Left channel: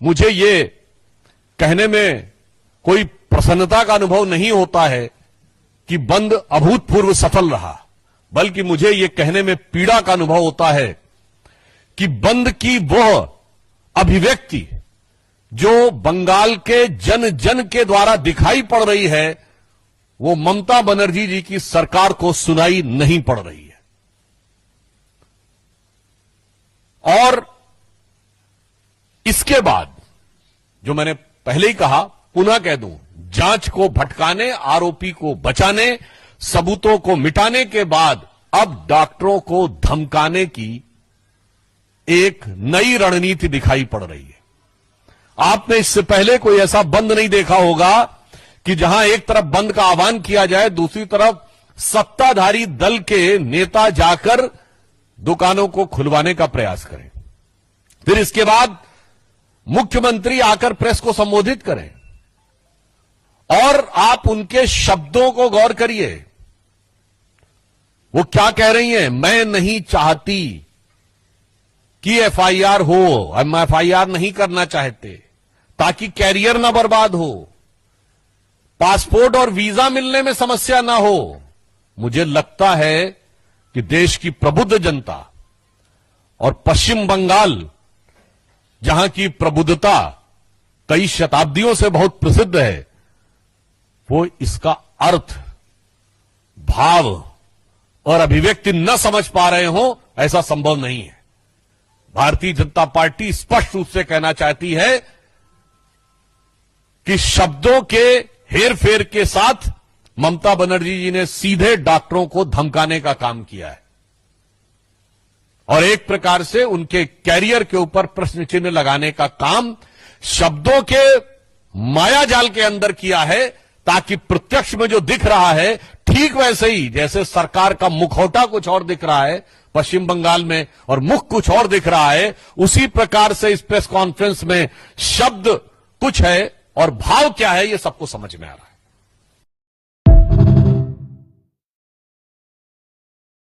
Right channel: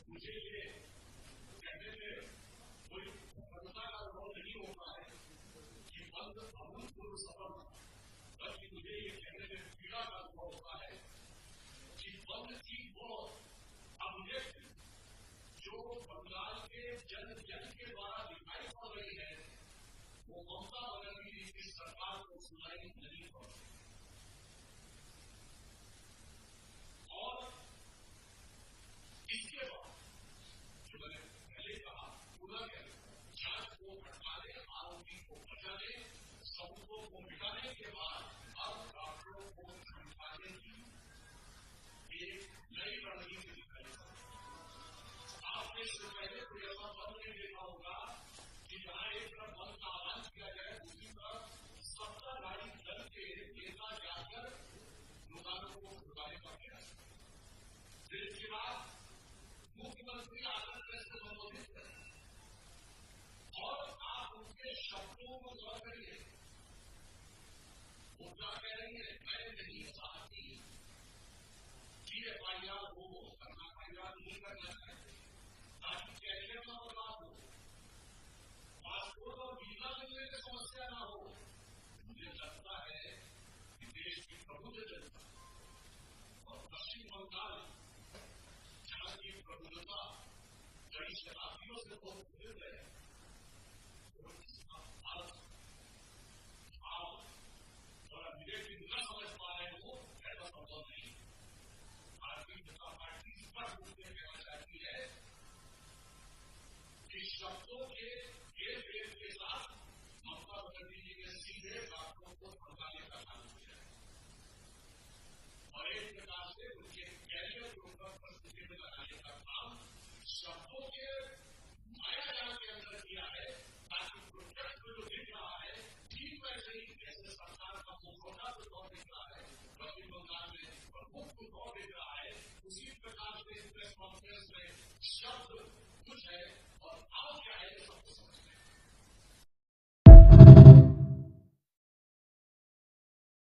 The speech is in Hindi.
मुझे ये कहने में कोई प्रसन्नता का अनुभव नहीं होता है कि बंद अभूतपूर्व सफल रहा, बल्कि मुझे ये कहने में पीड़ा का अनुभव होता है कि बंद की वह अभिव्यक्ति जो बंगाल के जन जन के द्वारा दिखाई पड़ रही है, वो ममता बनर्जी जी की सरकार को सुनाई नहीं पड़ रही है। और इसके बाद जो मैंने पहले ही कहा, पुनः कह दूं, जांच को भटकाने, आरोपी को बचाने, सबूतों को मिटाने के बाद अब डॉक्टरों को धमकाने की एक नई रणनीति दिखाई पड़ रही है। आपने इससे पहले कोई ऐसा बंद नहीं देखा होगा कि जहां एक तरफ बंद का आह्वान किया जाए, दूसरी तरफ सत्ताधारी दल के नेता जाकर दुकानों को खुलवाने का प्रयास करें, फिर इसके बाद मुख्यमंत्री आकर प्रेस को संबोधित करें और आप उनके शब्दों को गौर करिए। वो क्या कह रही हैं? मैं नहीं चाहती कि एफआईआर हो, हम एफआईआर नहीं करना चाहते ताकि कैरियर ना बर्बाद हो, पासपोर्ट और वीजा मिलने में समस्या ना हो। मुझे लगता है कि देश की प्रबुद्ध जनता और पश्चिम बंगाल, जहां की प्रबुद्धता कई शताब्दियों से बहुत प्रसिद्ध है, वो इसका अर्थ, भाव और अभिव्यक्ति न समझ पा रहे हो, ऐसा संभव नहीं है। भारतीय जनता पार्टी स्पष्ट रूप से कहना चाहती है कि शब्दों के हेरफेर के साथ ममता बनर्जी जी ने सीधे डॉक्टरों को धमकाने का काम किया है और एक प्रकार से उनके कैरियर के ऊपर प्रश्न चिन्ह लगाने का काम शब्दों के मायाजाल के अंदर किया है, ताकि प्रत्यक्ष में जो दिख रहा है ठीक वैसे ही जैसे सरकार का मुखौटा कुछ और दिख रहा है पश्चिम बंगाल में और मुख कुछ और दिख रहा है, उसी प्रकार से इस प्रेस कॉन्फ्रेंस में शब्द कुछ है और भाव क्या है, ये सबको समझ में आ रहा है।